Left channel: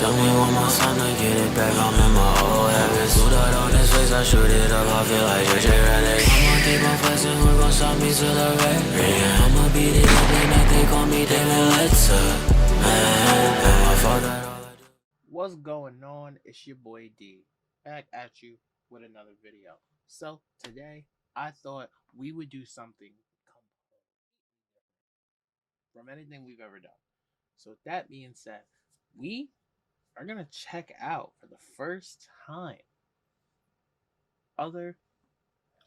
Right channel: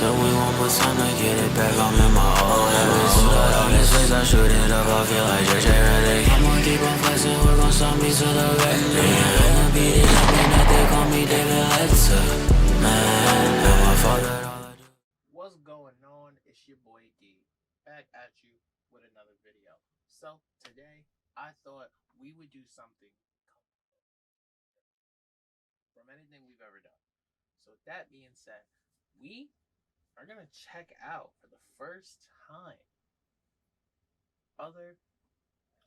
took me one more time to get it back. I'm in my old habits. Put out on his face, I shoot it up. I feel like JJ Redick. I'ma keep on flexing, who gon' stop me to the red? Yeah, I'ma beat it up like that. They call me David Letter. Man, and my fault that all I do. What's going on? It's your boy D, back at you with another video. So today I thought we would do something from anything we've ever done. So with that being said, we are gonna check out for the first time other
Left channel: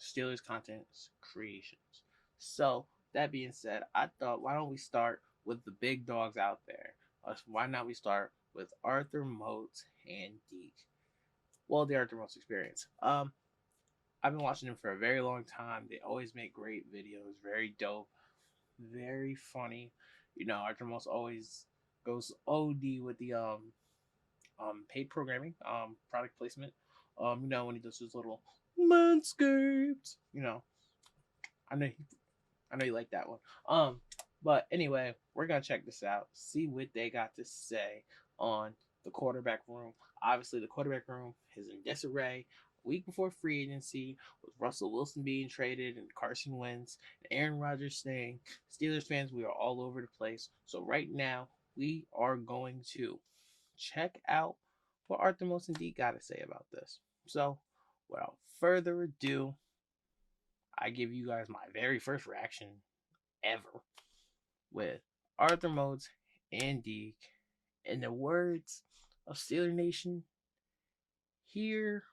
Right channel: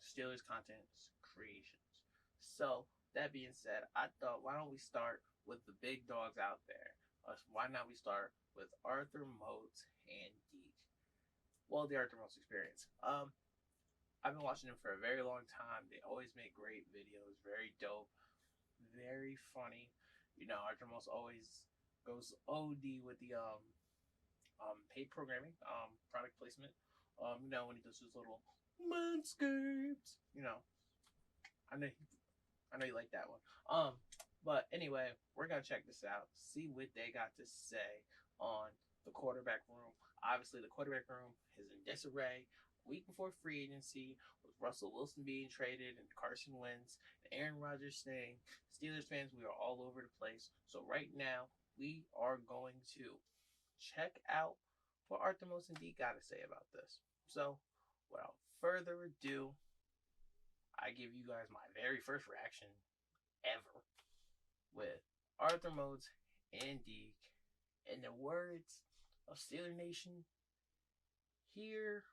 Steelers content creations. So that being said, I thought why don't we start with the big dogs out there? Why not we start with Arthur Moats and Deke? Well, the Arthur Moats experience. I've been watching them for a very long time. They always make great videos, very dope, very funny. You know, Arthur Moats always goes OD with the paid programming, product placement. You know, when he does his little manscaped, you know, I know I know you like that one. But anyway, we're gonna check this out, see what they got to say on the quarterback room. Obviously, the quarterback room is in disarray. Week before free agency, with Russell Wilson being traded and Carson Wentz and Aaron Rodgers staying, Steelers fans, we are all over the place. So right now, we are going to check out what Arthur Moats and Deke got to say about this. So, without further ado, I give you guys my very first reaction ever with Arthur Moats and Deke. In the words of Steeler Nation, here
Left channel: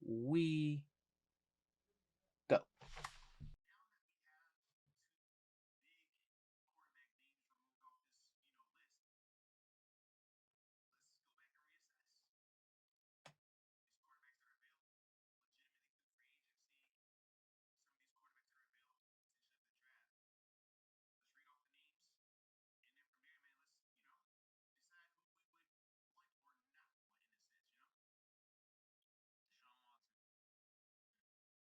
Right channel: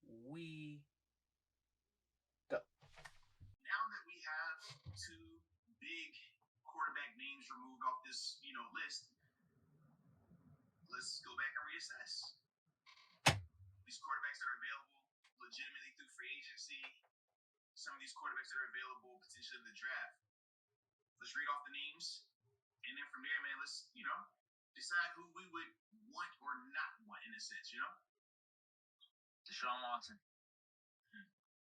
we go. Now that we have two big quarterback names removed off this, list, let's go back and reassess. These quarterbacks that are available legitimately through free agency, some of these quarterbacks that are available potentially in the draft. Let's read off the names, and then from there, man, let's, decide who we would want or not want in a sense, Deshaun Watson,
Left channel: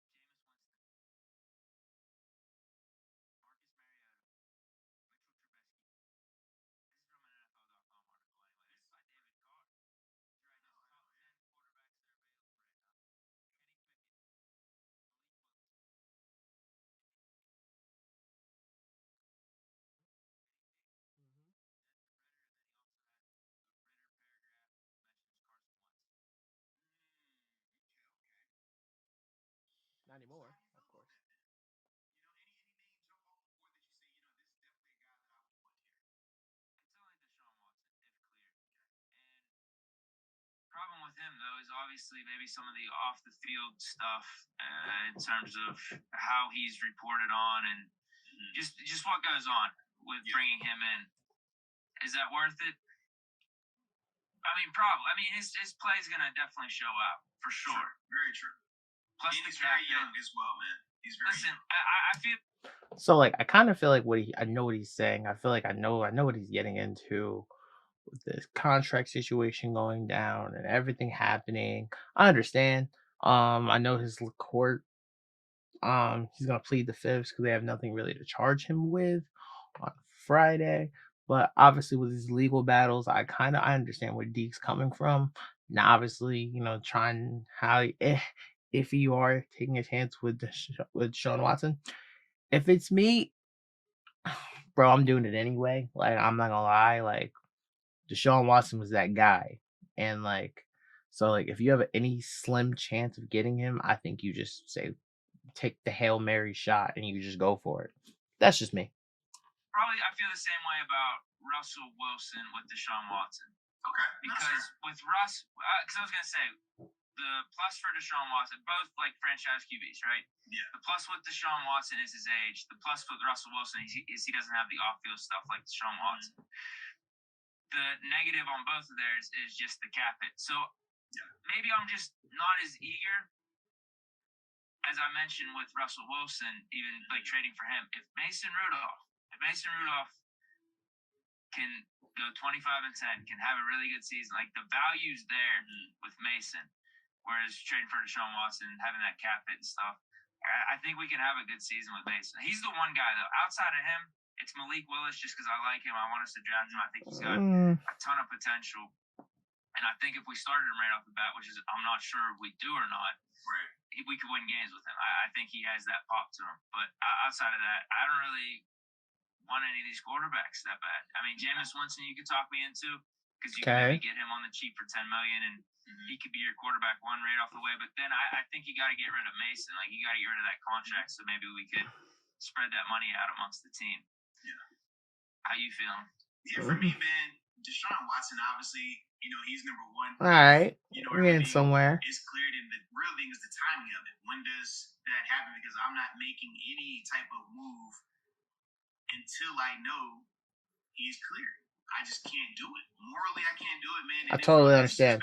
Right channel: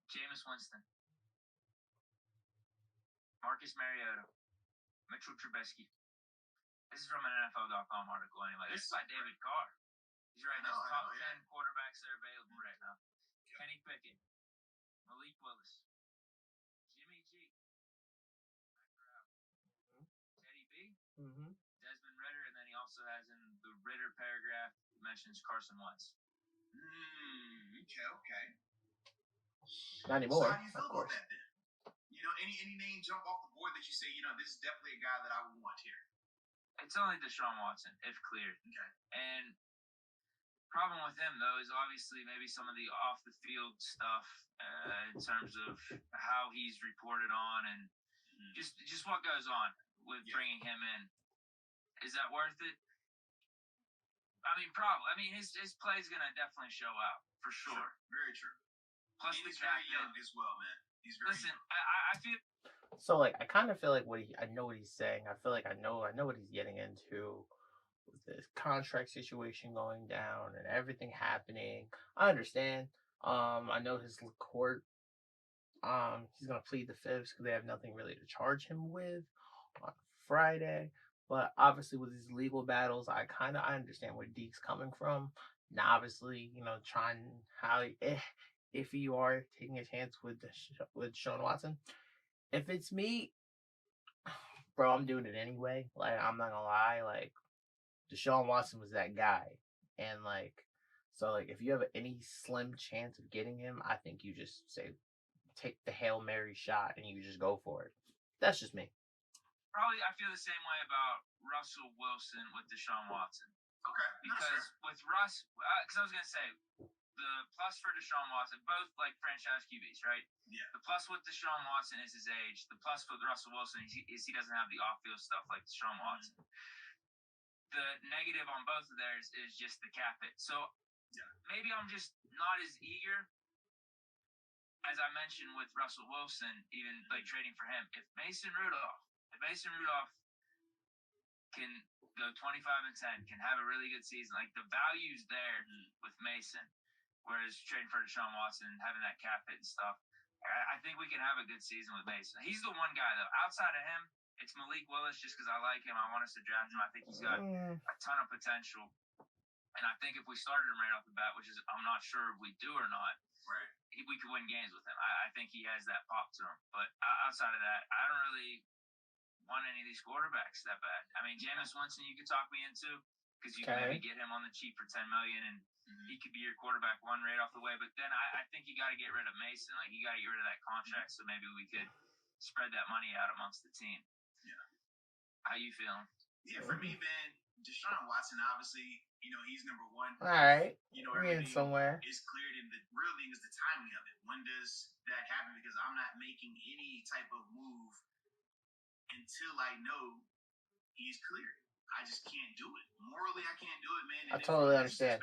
Jameis Winston, Marcus Mariota, Mitchell Trubisky. This is from an NFL.com article anyway. This is by David Carr. He's writing his top 10 quarterbacks that are available right now. Kenny Pickett, Malik Willis, Jimmy G, Teddy B, Desmond Ritter, and then he also has in the Ritter paragraph mentions Carson Wentz. Okay. Not anymore. So how do you feel about that then? Any name jump off the board that you say, this is definitely a guy that I would want here? It's only Deshaun Watson, if cleared. Okay. And problem with him though is obviously maybe some of the off the field stuff in terms of how he's reported on and just what goes on with bringing him in. Is that worth it? I mean, probably. I mean, his play's gonna definitely show out for sure. Very true. Plus, and he's very young as well, man. He's very young. I feel. So like I kind of feel like I know what he's saying. I feel like I know what he's getting into with this contract situation going down and everything happening. I understand. I know his court. He's gonna plead the fifth because they have nothing really to charge him with on Friday. But obviously, with these legal battles, I understand where Deke's coming from. Now, obviously, trying how if you are taking a chance with Sean Watson. If it's me, bro, I'm doing it anyway. Like, I'm not gonna lie. Like, Deshaun Watson was that guy, and so if you have any slim chance of getting him, I think you just take the Hail Mary shot and you just go for it. That's just me. Probably, I feel the same way about Russell Wilson with Deshaun Watson. Okay. Because with Russ, because I was gonna say the plus for Deshaun Watson, both like franchise QBs, right? Yeah. The plus with Deshaun Watson is his age. The plus with Russell Wilson is he doesn't have the off-field stuff like Deshaun Watson. The negative on both of theirs is just the cap hit. So maybe I'm just not as eager as I mentioned with Russell Wilson, even like trading for him. If Mason Rudolph can go 25-10, can have a really good season, like the value's there with Mason. Whereas trading for Deshaun Watson, having that cap hit and stuff, I think we can have a good season with Mason. He's the one guy, though. Outside of him, it's Malik Willis just because I like him. I want us to draft him. I think he's got a ton of potential. And I think if we started him right off the bat, which is I'm not sure if we do or not, Right. we could win games with him. I think he has that pop to him. But outside of that, I don't really want any of these quarterbacks that bad. I mean, Jameis Winston, you could talk me into because you can maybe get him on the cheap for $10 million, and he could be your quarterback one right off the way. But then I think you got to get rid of Mason. Like you got to get rid of that contract, so maybe we could spread that money out amongst the team. Yeah. How you feeling? Yeah, for me, man, Deshaun Watson, obviously, he's number one. All right. We're getting somewhere. It's cleared, and the real thing is the timing of it. When does that happen? Because I'm not making any type of move until I know he's cleared. I just can't do it. Morally, I can't do it, man. And I totally understand.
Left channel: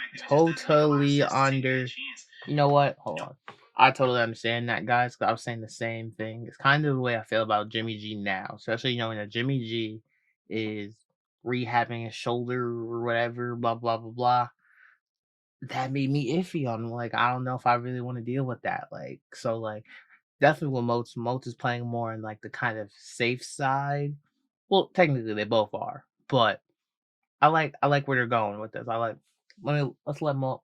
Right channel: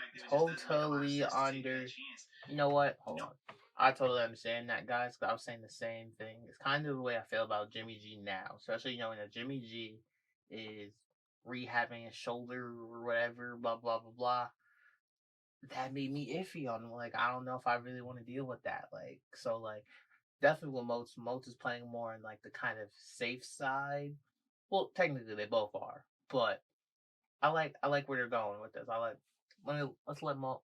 You know what? Hold on. I totally understand that, guys. 'Cause I was saying the same thing. It's kind of the way I feel about Jimmy G now, especially knowing that Jimmy G is rehabbing his shoulder or whatever. Blah blah blah blah. That made me iffy on him. Like I don't know if I really want to deal with that. Like so, like definitely with Moats. Moats is playing more in like the kind of safe side. Well, technically they both are, but I like where they're going with this. Let's let Mo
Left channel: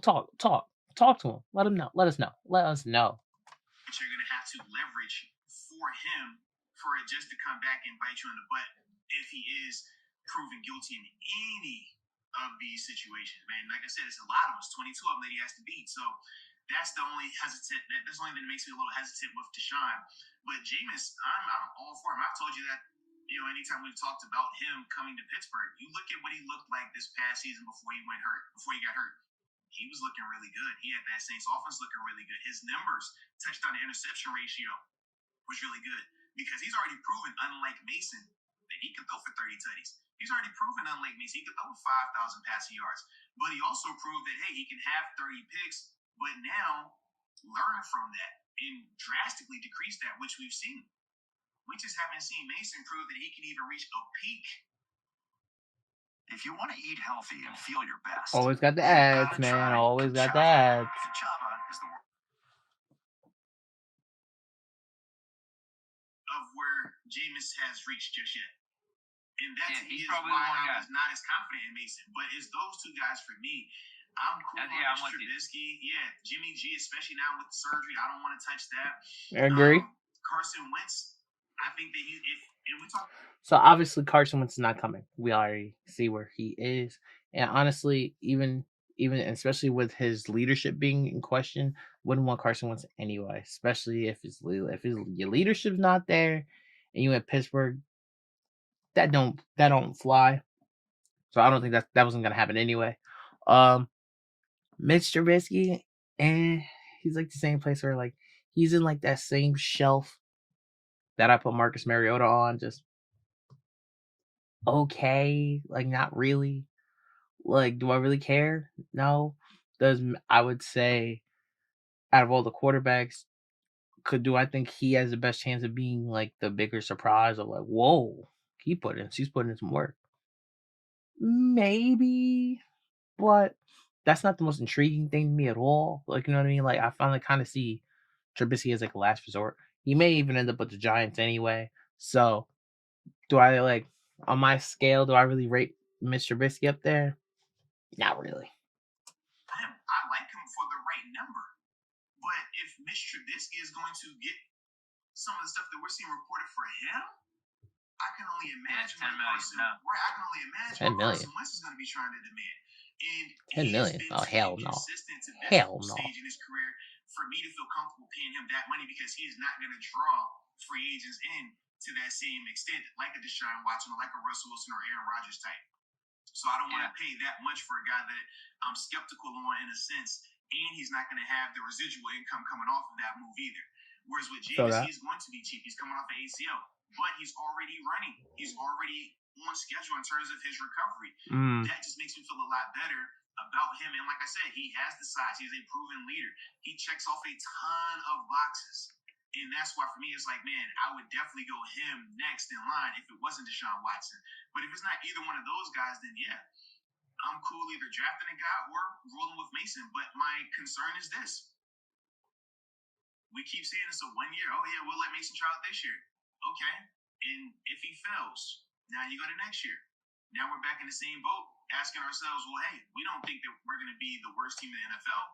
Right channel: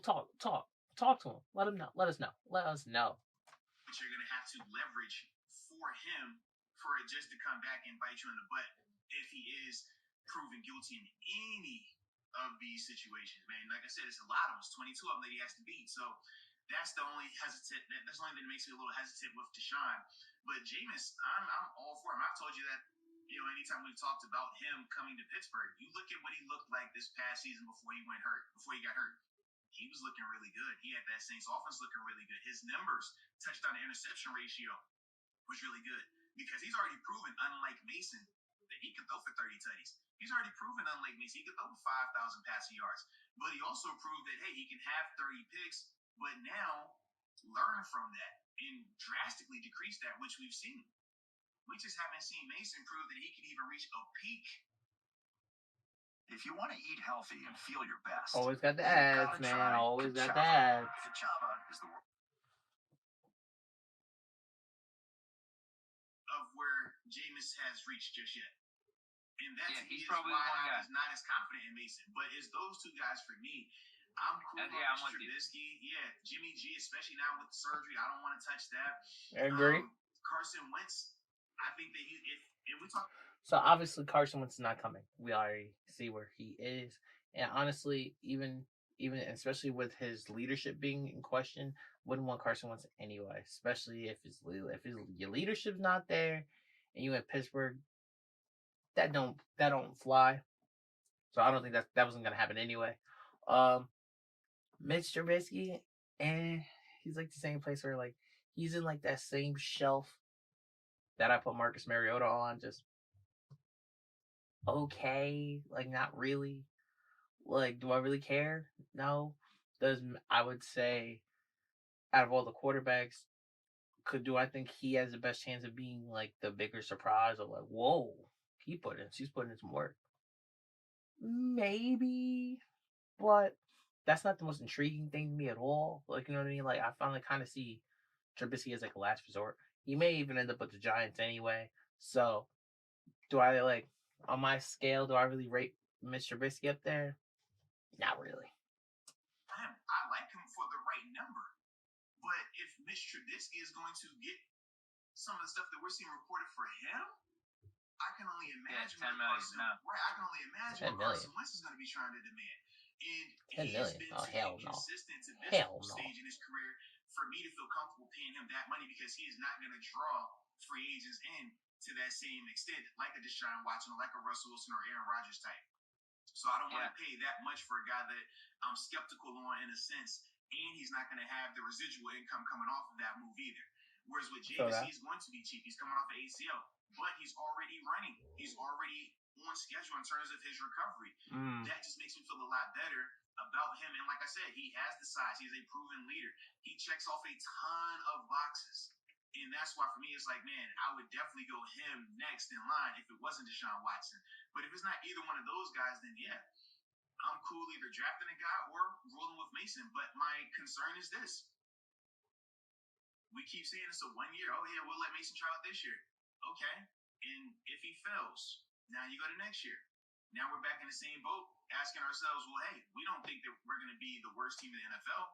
talk to him. Let him know. Let us know. But you're gonna have to leverage for him for it just to come back and bite you in the butt if he is proven guilty in any of these situations, man. Like I said, it's a lot of us, 22 of them that he has to beat. So that's the only hesitant. That's the only thing that makes me a little hesitant with Deshaun. But Jameis, I'm all for him. I've told you that. Anytime we've talked about him coming to Pittsburgh, you look at what he looked like this past season before he got hurt. He was looking really good. He had that Saints offense looking really good. His numbers, touchdown to interception ratio, was really good because he's already proven, unlike Mason, that he can throw for 30 tutties. He's already proven, unlike Mason, he can throw 5,000 passing yards. But he also proved that, hey, he can have 30 picks, but now learn from that and drastically decrease that, which we've seen. We just haven't seen Mason prove that he can even reach a peak. If you want to eat healthy and feel your best, Always got the ads, man. Always got the ads. Kachava is the of where Jameis has reached just yet. And that he's is probably why the one I guy. was not as confident in Mason. But it's those two guys for me. I'm cool on Trubisky. Yeah, Jimmy G, especially now with the surgery. I don't want to touch that. I agree. Carson Wentz, I think that if we talk. So obviously Carson Wentz is not coming. We already see where he is, and honestly, even especially with his leadership being in question, wouldn't want Carson Wentz anyway. Especially if your leadership's not there, and you in Pittsburgh, that don't fly. So I don't think that wasn't gonna happen anyway. Mitch Trubisky, and he's like the same place where like he's in like that same shelf that I put Marcus Mariota on, just okay, like not really. Like, do I really care? No. I would say out of all the quarterbacks, do I think he has the best chance of being like the bigger surprise of like, whoa, he's putting in some work. Maybe, but that's not the most intriguing thing to me at all. Like, you know what I mean? Like, I finally kind of see Trubisky as like a last resort. He may even end up with the Giants anyway. So, do I like on my scale? Do I really rate Mr. Trubisky up there? Not really. I like him for the right number, but if Mr. Trubisky is going to get some of the stuff that we're seeing reported for him, I can only imagine $10 million. I can only imagine what Carson Wentz is going to be trying to demand. And $10 million? Oh hell no! Consistent to Hell no! Stage in his career for me to feel comfortable paying him that money because he is not going to draw free agents in to that same extent, like a Deshaun Watson or like a Russell Wilson or Aaron Rodgers type. So I don't want to pay that much for a guy that I'm skeptical on in a sense, and he's not going to have the residual income coming off of that move either. Whereas with Jameis, he's going to be cheap. He's coming off of ACL, but he's already running. He's already on schedule in terms of his recovery. That just makes me feel a lot better about him. And like I said, he has the size. He's a proven leader. He checks off a ton of boxes. And that's why for me, it's like, man, I would definitely go him next in line if it wasn't Deshaun Watson. But if it's not either one of those guys, then yeah, I'm cool either drafting a guy or rolling with Mason. But my concern is this. We keep saying it's a 1 year. Oh, yeah, we'll let Mason try out this year. Okay. And if he fails, now you go to next year. Now we're back in the same boat asking ourselves, well, hey, we don't think be the worst team in the NFL,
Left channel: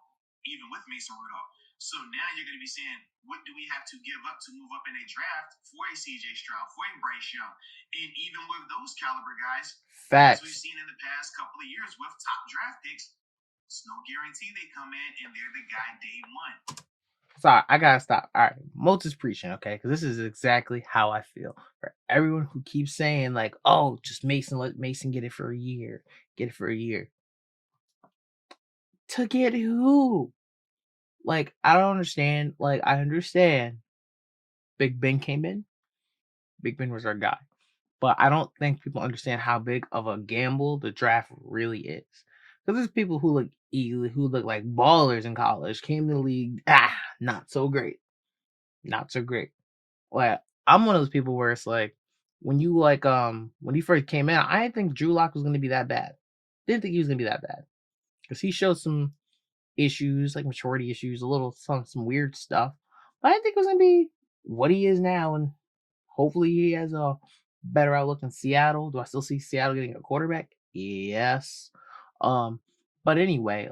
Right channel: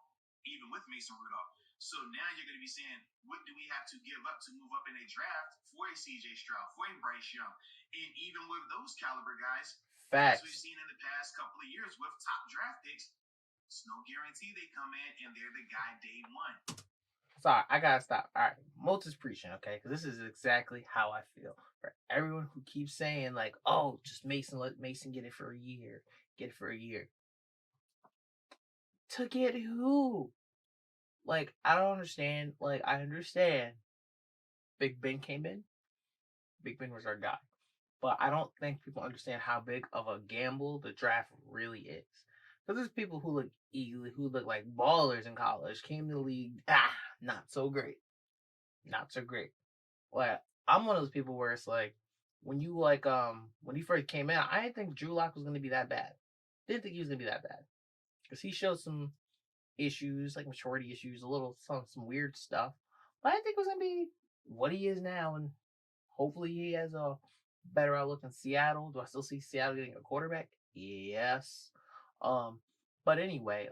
even with Mason Rudolph. So now you're going to be saying, what do we have to give up to move up in a draft for a CJ Stroud, for a Bryce Young? And even with those caliber guys, as we've seen in the past couple of years with top draft picks, it's no guarantee they come in and they're the guy day one. Sorry, I gotta stop. All right, Moats is preaching, okay? Because this is exactly how I feel. For everyone who keeps saying like, "Oh, just Mason, let Mason get it for a year, get it for a year." To get who? Like, I don't understand. Like, I understand. Big Ben came in. Big Ben was our guy, but I don't think people understand how big of a gamble the draft really is. Because there's people who look like ballers in college came to the league. Not so great. Not so great. Like, I'm one of those people where it's like when he first came in, I didn't think Drew Lock was gonna be that bad. Didn't think he was gonna be that bad. Because he showed some issues, like maturity issues, a little some weird stuff. But I didn't think it was gonna be what he is now, and hopefully he has a better outlook in Seattle. Do I still see Seattle getting a quarterback? Yes. But anyway,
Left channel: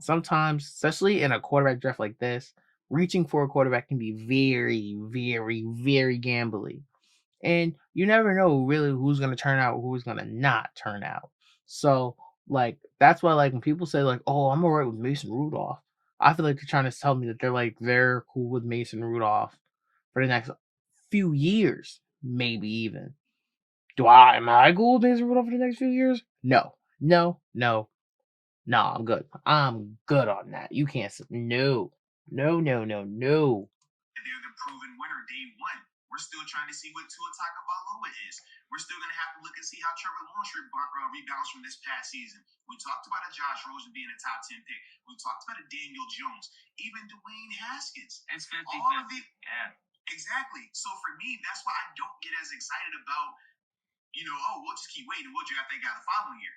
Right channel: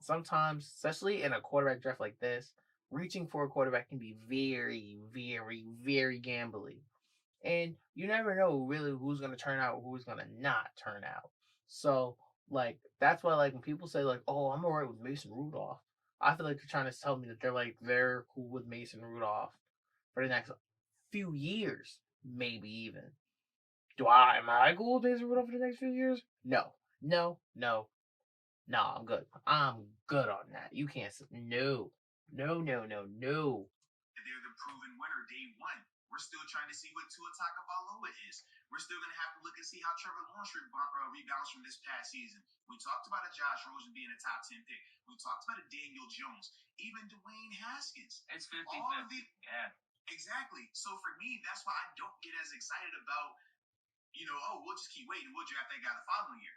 sometimes, especially in a quarterback draft like this, reaching for a quarterback can be very, very, very gambly. And you never know really who's gonna turn out, who's gonna not turn out. So that's why when people say oh, I'm alright with Mason Rudolph, I feel like they're trying to tell me that they're cool with Mason Rudolph for the next few years, maybe even. Am I cool with Mason Rudolph for the next few years? No. I'm good. I'm good on that. You can't say no. They're the proven winner day one. We're still trying to see what Tua Tagovailoa is. We're still going to have to look and see how Trevor Lawrence rebounds from this past season. We talked about a Josh Rosen being a top 10 pick. We talked about a Daniel Jones, even Dwayne Haskins. It's 50-50. Yeah. Exactly. So for me, that's why I don't get as excited about, we'll just keep waiting. We'll draft that guy the following year.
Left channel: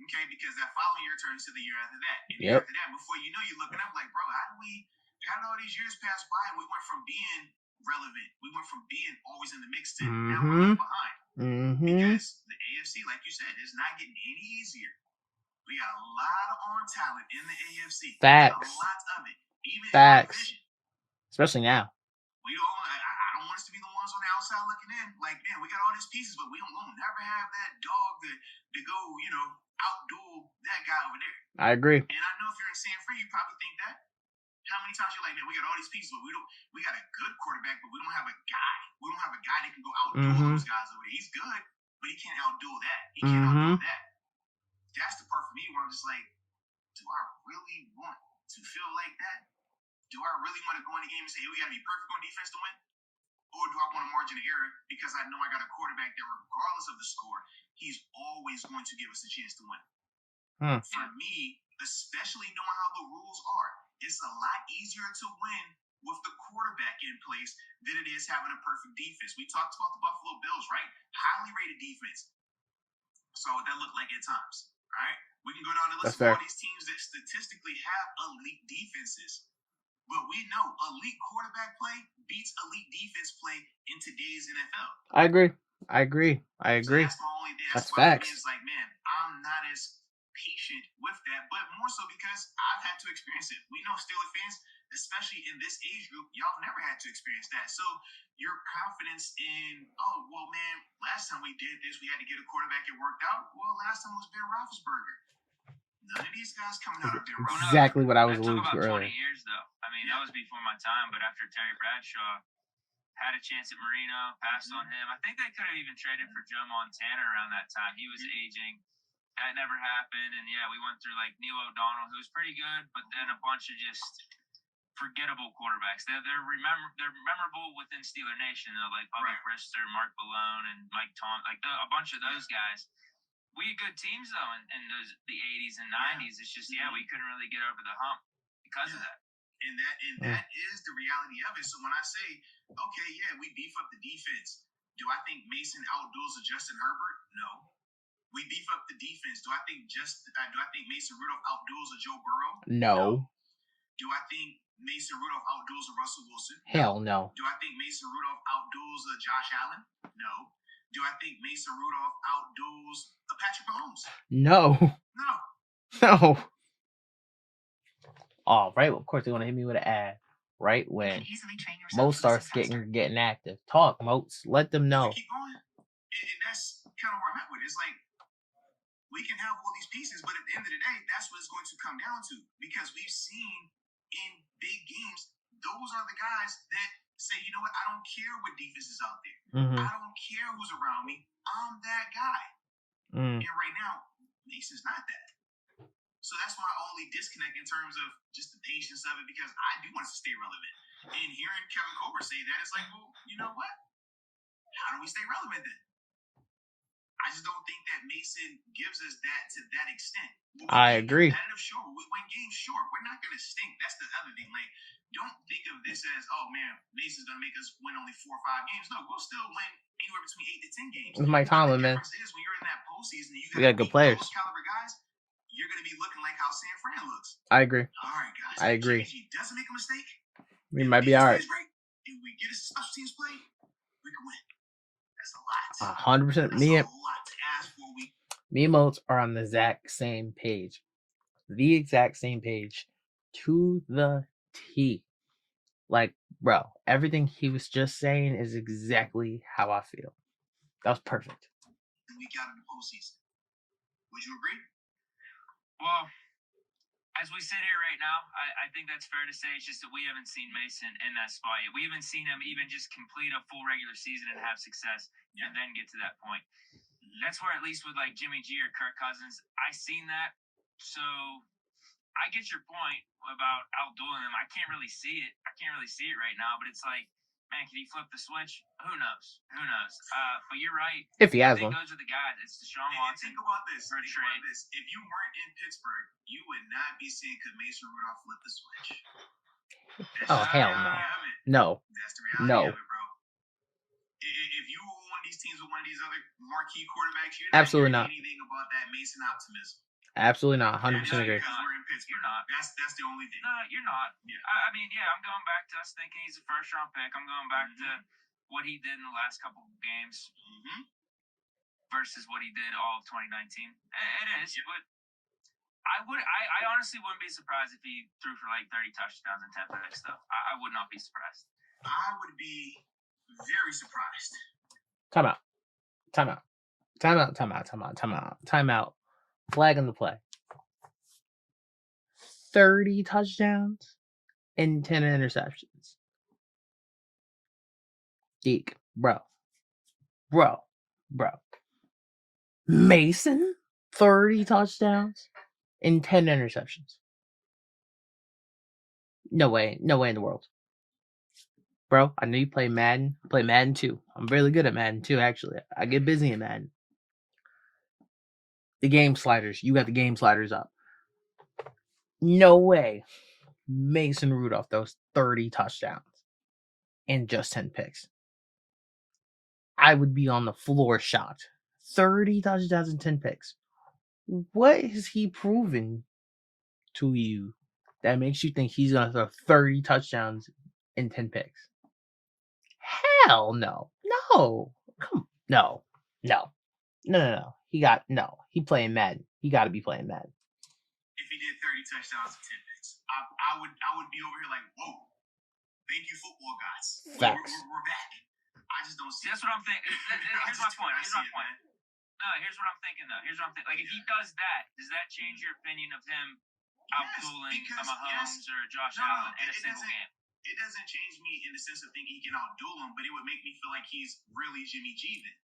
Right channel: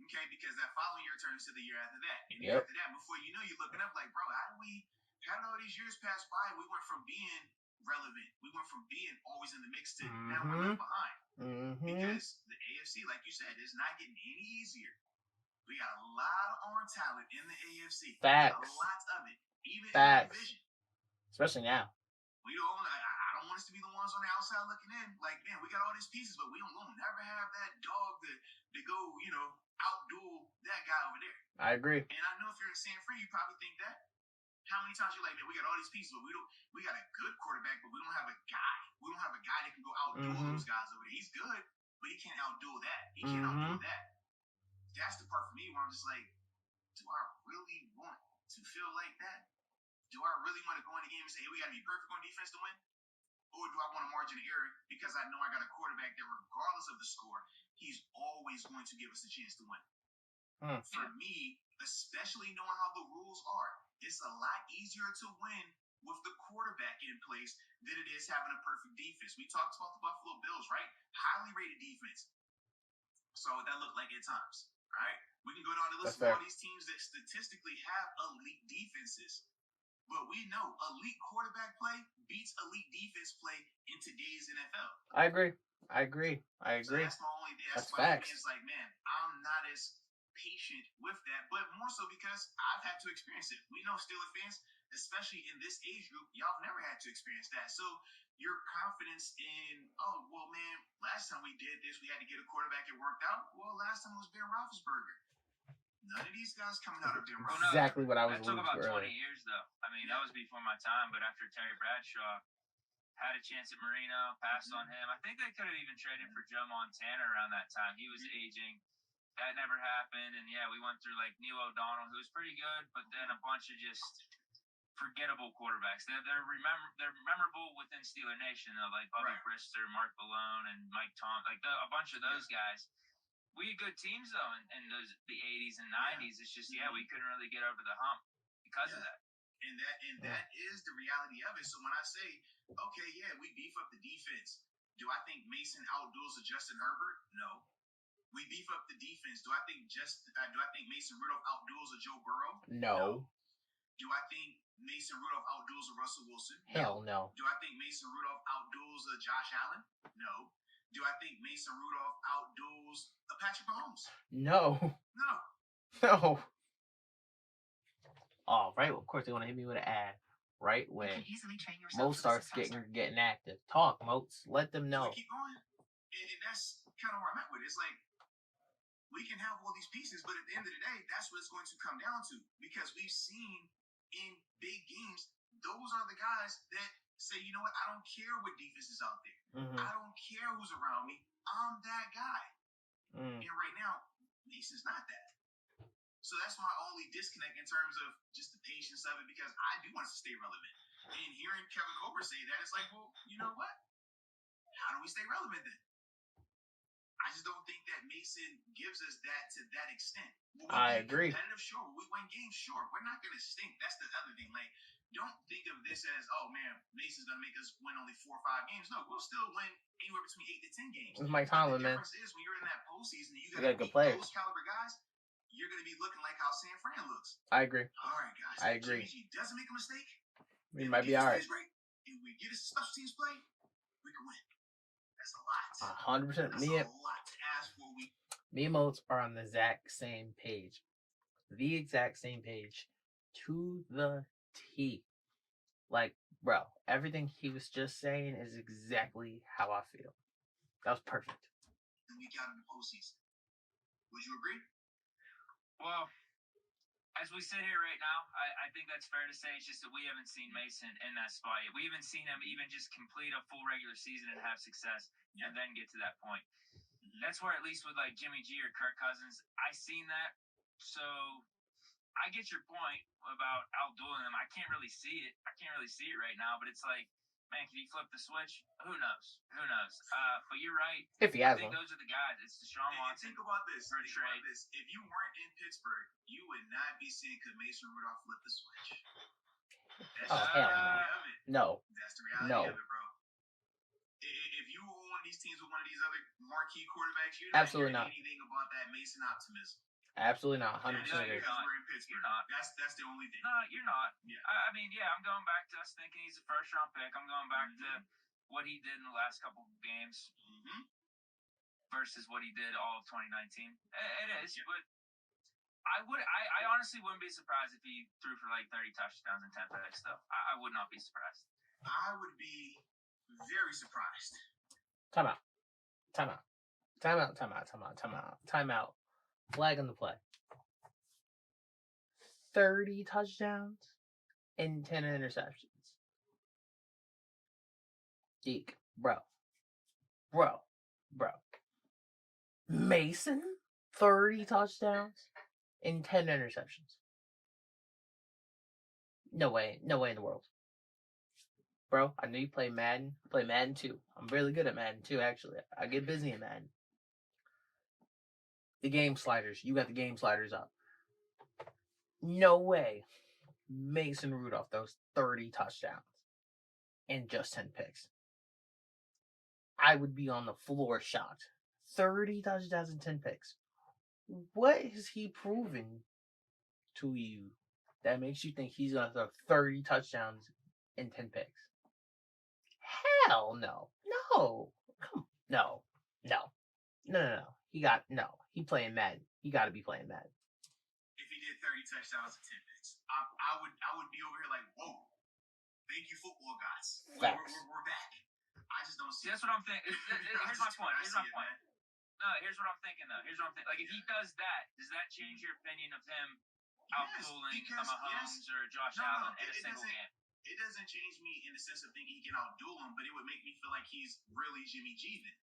Okay, because that following year turns to the year after that. And yep. After that, before you know, you're looking up like, bro, how did all these years pass by and we went from being relevant, we went from being always in the mix to now we're left behind. Because the AFC, like you said, is not getting any easier. We got a lot of arm talent in the AFC. Facts. A lot of it. Even Facts. in our division. Especially now. I don't want us to be the ones on the outside looking in. Like, man, we got all these pieces, but we'll never have that dog to go, outduel that guy over there. I agree. And I know if you're in San Fran, you probably think that. How many times you're like, man, we got all these pieces, but we got a good quarterback, but we don't have a guy. We don't have a guy that can go outduel those guys over there. He's good, but he can't outduel that. He can't outduel that. That's the part for me where I'm just like, do I really want to feel like that? Do I really want to go in the game and say, hey, we got to be perfect on defense to win? Or do I want a margin of error because I know I got a quarterback that regardless of the score, he's always going to give us a chance to win? For me, especially knowing how the rules are, it's a lot easier to win with the quarterback in place than it is having a perfect defense. We talked about the Buffalo Bills, right? Highly rated defense. So what that looked like at times, right? We can go down the list of all these teams that statistically have elite defenses. But we know elite quarterback play beats elite defense play in today's NFL. I agree. So that's my only thing. That's why facts. It's like, man, I'm not as patient with that, but more so because I've had to experience it. We know Steelers fans, especially in this age group, y'all never had to experience that. So your confidence in, oh, well, man, last time we did this, we had to get a quarterback, it worked out. Well, last time was Ben Roethlisberger. None of these guys coming out of Ben Roethlisberger. Exactly what I was alluding to earlier. 20 years, though. I mean, that was before my time, but after Terry Bradshaw had a chance at Marino, passed on him. I think they could have even traded for Joe Montana around that time. He was aging. That never happened. And, yeah, we went through, Neil O'Donnell, who was pretty good, but then a bunch of just forgettable quarterbacks. They're memorable within Steeler Nation, though, like Bobby Brister, Mark Malone, and Mike Tom, a bunch of those guys. We had good teams, though, in the 80s and 90s. It's just, we couldn't really get over the hump because of that. And that is the reality of it. So when I say, okay, we beef up the defense, do I think Mason outduels a Justin Herbert? No. We beef up the defense. Do I think Mason Rudolph outduels a Joe Burrow? No. Do I think Mason Rudolph outduels a Russell Wilson? Hell no. Do I think Mason Rudolph outduels a Josh Allen? No. Do I think Mason Rudolph outduels a Patrick Mahomes? No. No. No. Oh, right. Of course, they want to hit me with an ad. Right You when can easily train yourself Moats to listen starts faster. getting active. Talk, Moats. Let them know. Keep going. And that's kind of where I'm at with it. It's like we can have all these pieces, but at the end of the day, that's what it's going to come down to. Because we've seen in big games, those are the guys that say, you know what, I don't care what defense is out there. Mm-hmm. I don't care who's around me. I'm that guy. Mm. And right now, Mason's not that. So that's my only disconnect in terms of just the patience of it, because I do want us to stay relevant. And hearing Kevin Colbert say that, it's like, well, you know what? How do we stay relevant then? I just don't think that Mason gives us that to that extent. I agree. Competitive, sure. We win games, sure. We're not going to stink. That's the other thing. Like, don't think of this as, oh man, Mason's going to make us win only 4 or 5 games. No, we'll still win anywhere between 8 to 10 games. It's Mike Tomlin, man. The difference is when you're in that postseason, and We got good players. Those caliber guys, you're going to be looking like how San Fran looks. I agree. All right, guys. I agree. Jimmy G doesn't make a mistake. We might be all right. Right, and we get us a special teams play, we can win. That's a lot. 100%. That's a lot to ask for. Me and Moats are on the exact same page. The exact same page. To the T. Like, bro, everything he was just saying is exactly how I feel. That was perfect. We got in the postseason. Would you agree? Well, as we sit here right now, I think that's fair to say. It's just that we haven't seen Mason in that spot yet. We haven't seen him even just complete a full regular season and have success and then get to that point. That's where, at least with like Jimmy G or Kirk Cousins, I seen that. So I get your point about outdueling them. I can't really see it. Right now, but it's like, man, can he flip the switch? Who knows? But you're right. If he has I think one. those are the guys. It's Deshaun Watson. Think about this. For a trade. If you weren't in Pittsburgh, you would not be seeing could Mason Rudolph flip the switch. Oh, hell no. That's the reality of it, bro. If you were one of these teams with one of these other marquee quarterbacks, you're not Absolutely not. Anything about that Mason optimism. Absolutely not. 100% agree. Because we're in Pittsburgh. You're not. That's the only thing. No, you're not. Yeah. I mean, yeah, I'm going back to us thinking he's a first-round pick. I'm going back to what he did in the last couple of games versus what he did all of 2019. It is, but I honestly wouldn't be surprised if he threw for like 30 touchdowns and 10 picks, though. I would not be surprised. I would be very surprised. Time out. Flag on the play. 30 touchdowns and 10 interceptions. Deke, bro. Mason, 30 touchdowns and 10 interceptions. No way in the world. Bro, I know you play Madden. I play Madden 2. I'm really good at Madden 2, actually. I get busy in Madden. The game sliders. You got the game sliders up. No way Mason Rudolph throws 30 touchdowns and just 10 picks. I would be on the floor shocked. 30 touchdowns and 10 picks. What has he proven to you that makes you think he's going to throw 30 touchdowns and 10 picks? Hell no. No. Come on. No. He playing Madden. He got to be playing Madden. If he did 30 touchdowns and 10 picks, I would be over here like, whoa. Thank you, football guys. Facts. We're back. I just don't see. That's what I'm thinking. Here's my point. No, here's what I'm thinking though. Like, if he does that, does that change your opinion of him outdueling a Mahomes or a Josh Allen in a single game? It doesn't change me in the sense of thinking he can outduel him, but it would make me feel like he's really Jimmy G then.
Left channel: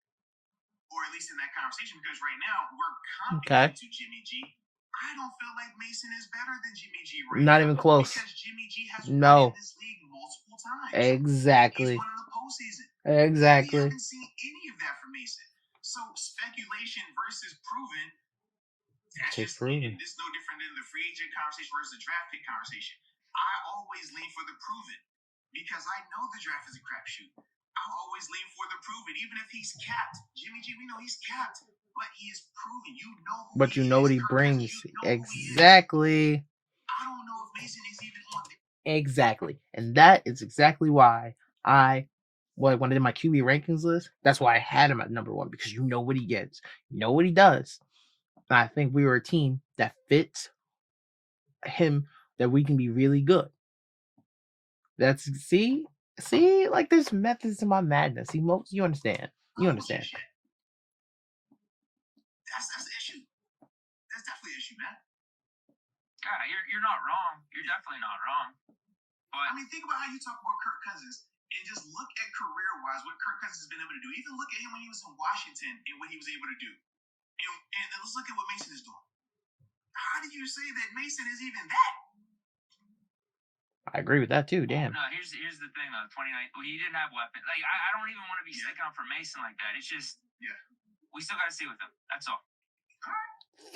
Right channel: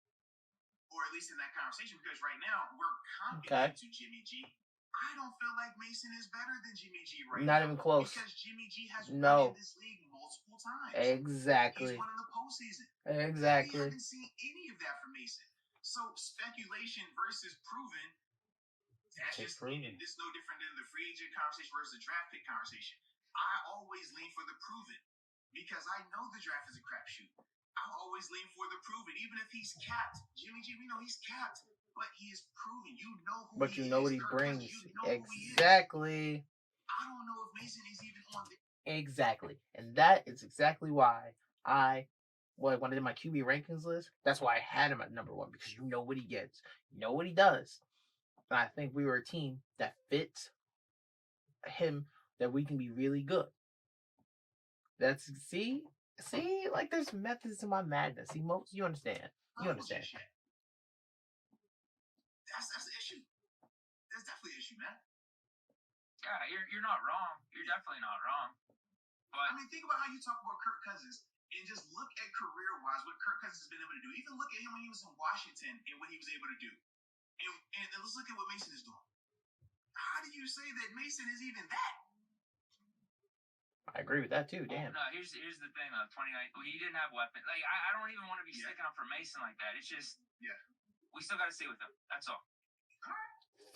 Or at least in that conversation, because right now we're comparing to Jimmy G. I don't feel like Mason is better than Jimmy G right now. Not even close. Because Jimmy G has won in this league multiple times. Exactly. He's won in the postseason. Exactly. We haven't seen any of that from Mason. So speculation versus proven. That's just proven. This is no different than the free agent conversation versus the draft pick conversation. I always lean for the proven because I know the draft is a crapshoot. I always lean for the proven, even if he's capped. Jimmy G, we know he's capped, but he is proven. You know who but you know what he brings. Exactly. I don't know if Mason is even on the. Exactly. And that is exactly why when I did my QB rankings list, that's why I had him at number 1, because you know what he gets. You know what he does. I think we were a team that fits him, that we can be really good. That's see, like there's methods to my madness. See, Moats, you understand. You understand. That's the issue. That's definitely an issue, man. Yeah, you're not wrong. You're definitely not wrong. But I mean, think about how you talk about Kirk Cousins and just look at career-wise what Kirk Cousins has been able to do. Even look at him when he was in Washington and what he was able to do. And let's look at what Mason is doing. How do you say that Mason is even that? I agree with that too. Damn. No, here's the thing though. 29, he didn't have weapons. Like I don't even want to be sticking up for Mason like that. It's just we still got to see with him. That's all.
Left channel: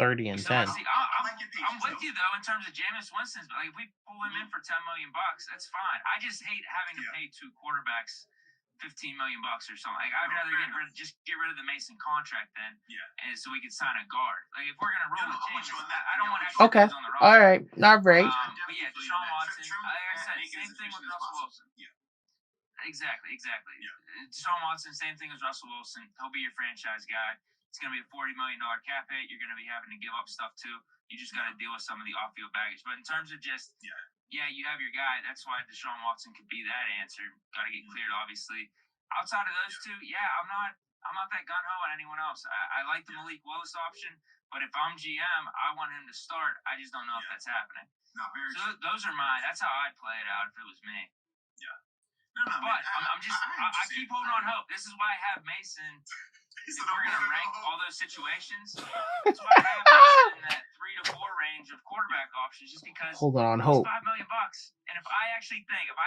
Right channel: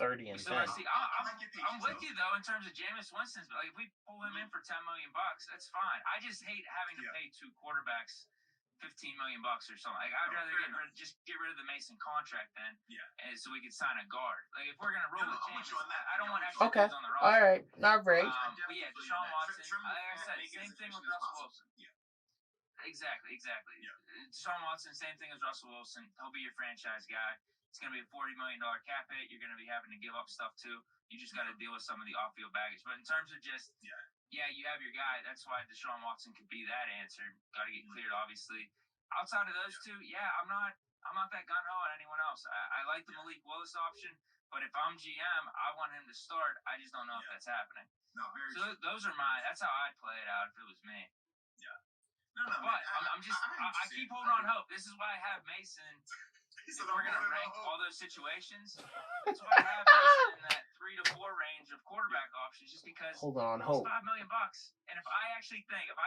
30 and 10. I'm with you though in terms of Jameis Winston's. But like if we pull him in for $10 million, that's fine. I just hate having to pay two quarterbacks $15 million or something. Like I'd rather get rid of the Mason contract then, and so we could sign a guard. Like if we're gonna roll with Jameis, I don't want extra guards on the roster. All right, not great. But yeah, Deshaun Watson. Like I said, same thing with Russell Wilson. Exactly. Deshaun Watson, same thing as Russell Wilson. He'll be your franchise guy. It's going to be a $40 million cap hit. You're going to be having to give up stuff too. You just got to deal with some of the off-field baggage. But in terms of just, you have your guy. That's why Deshaun Watson could be that answer. Got to get cleared, obviously. Outside of those two, I'm not that gun-ho on anyone else. I like the Malik Willis option, but if I'm GM, I want him to start. I just don't know if that's happening. So those are mine. That's how I'd play it out if it was me. No, but I keep holding on hope. This is why I have Mason. If we're going to rank all those situations, that's why I have Mason in that 3 to 4 range of quarterback options, just because holding on hope. $5 million. And if I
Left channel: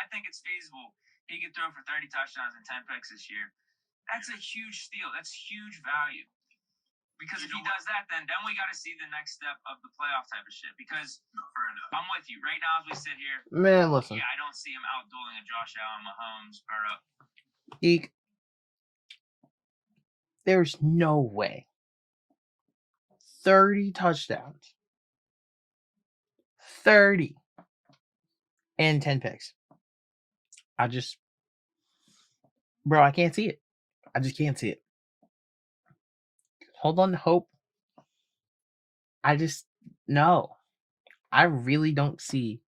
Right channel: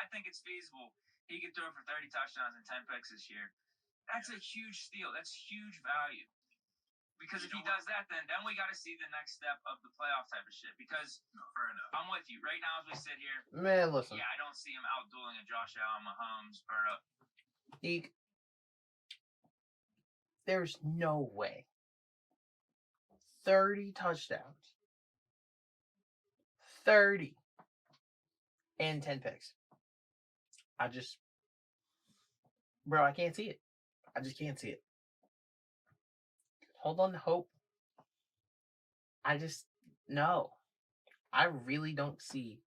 think it's feasible, he could throw for 30 touchdowns and 10 picks this year. That's a huge steal. That's huge value. Because if he does that, then we got to see the next step of the playoff type of shit. Because fair enough. I'm with you. Right now, as we sit here, man, listen. I don't see him outdueling a Josh Allen, Mahomes, Burrow. Deke, there's no way 30 touchdowns, 30 and 10 picks. I can't see it. I just can't see it. Hold on to hope. No. I really don't see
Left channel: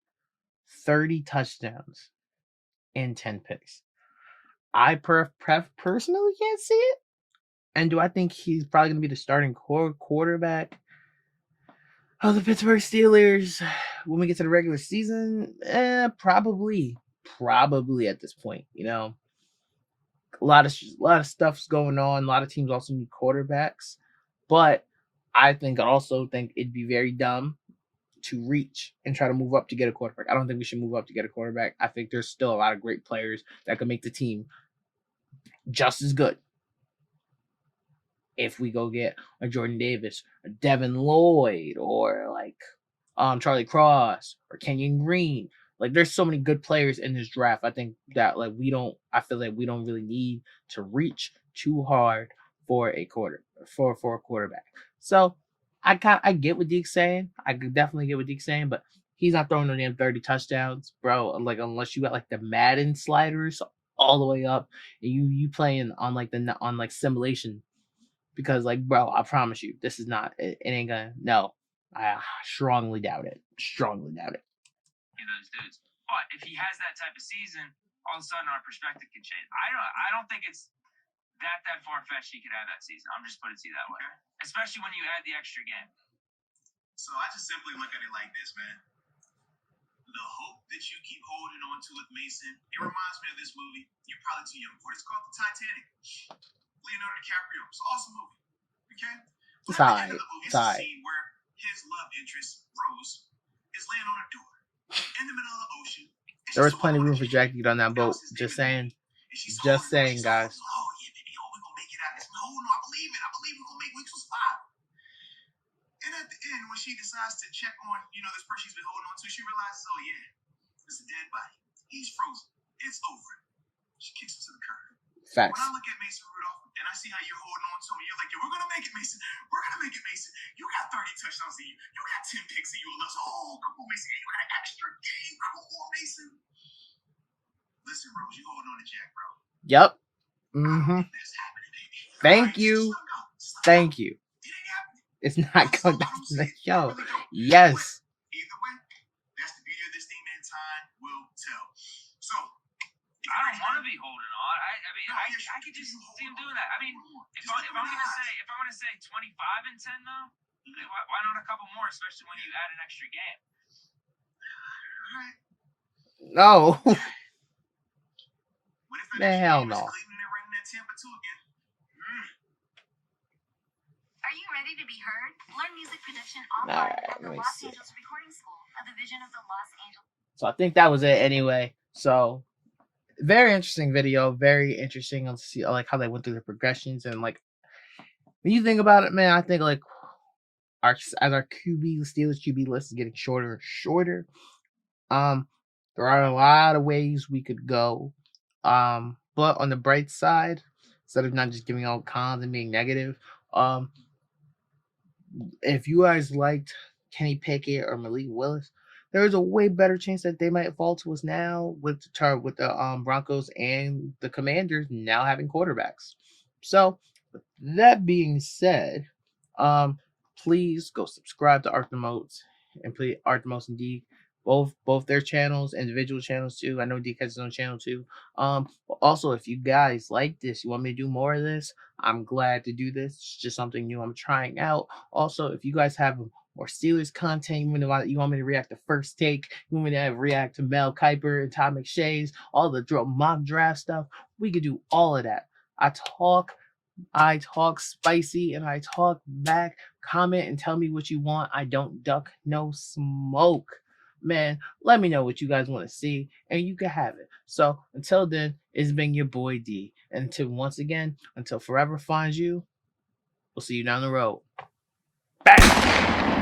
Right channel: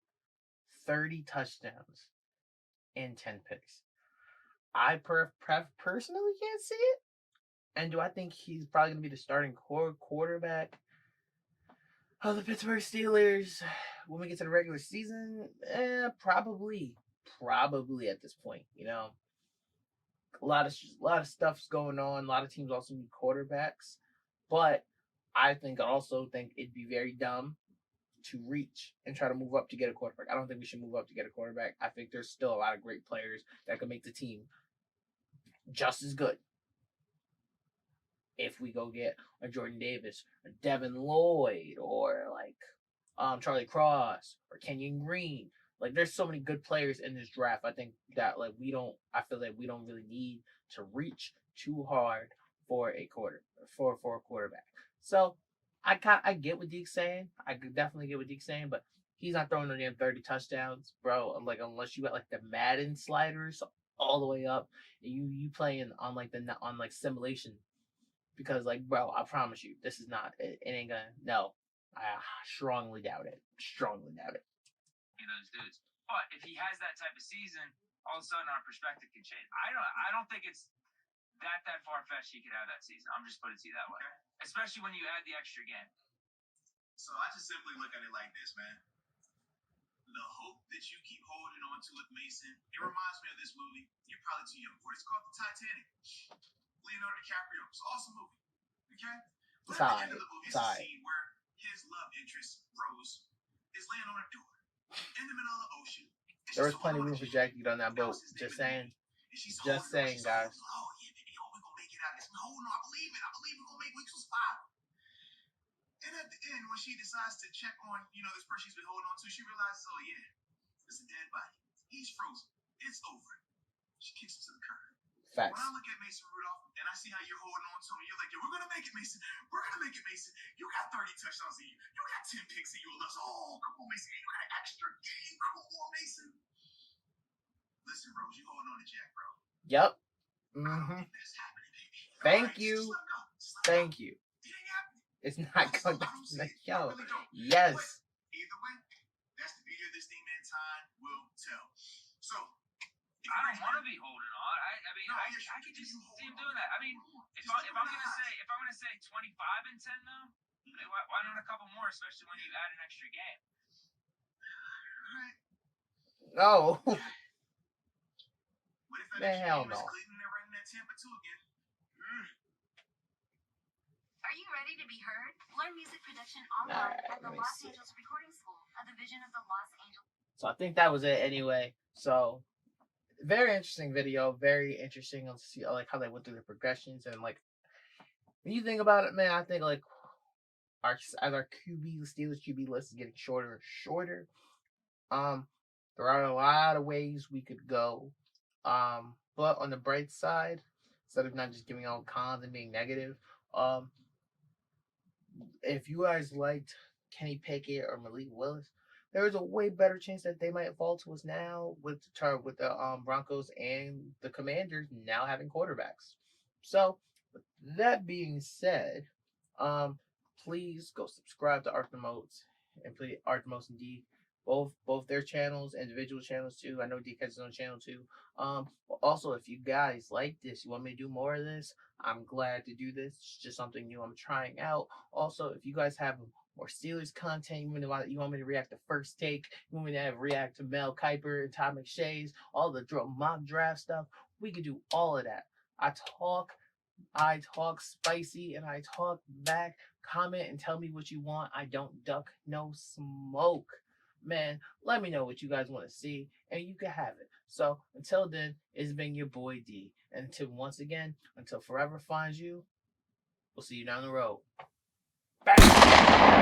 30 touchdowns and 10 picks. I personally can't see it. And do I think he's probably going to be the starting quarterback of the Pittsburgh Steelers when we get to the regular season? Probably at this point. A lot of stuff's going on. A lot of teams also need quarterbacks, but I also think it'd be very dumb to reach and try to move up to get a quarterback. I don't think we should move up to get a quarterback. I think there's still a lot of great players that could make the team just as good. If we go get a Jordan Davis, a Devin Lloyd, or like Charlie Cross or Kenyon Green, like there's so many good players in this draft. I think that I feel like we don't really need to reach too hard for a quarterback. So I get what Deke's saying. I could definitely get what Deke's saying, but he's not throwing no damn 30 touchdowns, bro. Like unless you got like the Madden sliders all the way up, and you playing on like simulation. Because, bro, I promise you, this is not, it ain't gonna, no. I strongly doubt it. Those dudes. But if he has that type of season, all of a sudden our perspective can change. I don't think it's that far-fetched he could have that season. I'm just putting it to you that way. Especially when you add the extra game. So I just simply look at it like this, man. The hope that you keep holding on to with Mason, it reminds me of this movie. You're probably too young for it. It's called The Titanic. Leonardo DiCaprio. It's an awesome movie. Okay? But at the end of the movie, it's a scene where his love interest, Rose, is laying on a door in the middle of the ocean. There was plenty of room for Jack to get on that boat. Just saying. Just saying, guys. Oh, yeah, baby. Oh, we're going to make it out. No, I believe it. I believe we're going to make weeks was 5. And at the end, when she decides to check on, this person she's been holding on to, she realizes, oh, yeah, it's a dead body. He's frozen. It's over. She kicks him to the curb. Facts. When I look at Mason Rudolph and I see how you're holding on to him, you're like, we're going to make it, Mason. We're going to make it, Mason. You got 30 touchdowns in you. You got 10 picks in you. Oh, come on, Mason. You got an extra game. Come on, Mason. Listen, Rose, you holding on to Jack, bro. Yep. Mm-hmm. Thank you. Thank you. It's not going back to the show. Really don't. Yes. Either way, that's the beauty of this thing, man. Time will tell. So, I don't want to be holding on. I mean, No, I yes, could just you see him hold doing that. I mean, if Just I'm look at gonna his say eyes. 25 and 10 though, I mean, why not a couple more, especially when you add an extra game? Alright. No. What if Man, hell no. Cleveland and ring that Tampa 2 again? Are you ready to be heard? Learn music production online Alright, at the let me Los see. Angeles Recording School, a division of the Los Angeles. So I think that was it anyway. So very interesting video, very interesting to see like how they went through the progressions, and like when you think about it, man, I think like our QB Steelers QB list is getting shorter and shorter. There are a lot of ways we could go. But on the bright side, instead of not just giving out cons and being negative, if you guys liked Kenny Pickett or Malik Willis, there is a way better chance that they might fall to us now with the Broncos and the Commanders now having quarterbacks. So, with that being said, please go subscribe to Arthur Moats and please Arthur Moats and Deke. Both their channels, individual channels too. I know Deke has his own channel too. But also if you guys like this, you want me to do more of this, I'm glad to do this. It's just something new I'm trying out. Also, if you guys have more Steelers content, you want me to react to First Take, you want me to react to Mel Kiper and Todd McShay's, all the mock draft stuff, we could do all of that. I talk spicy and I talk back. Comment and tell me what you want. I don't duck no smoke. Man, let me know what you guys want to see and you can have it. So until then, it's been your boy D. And until forever finds you, we'll see you down the road. Bang!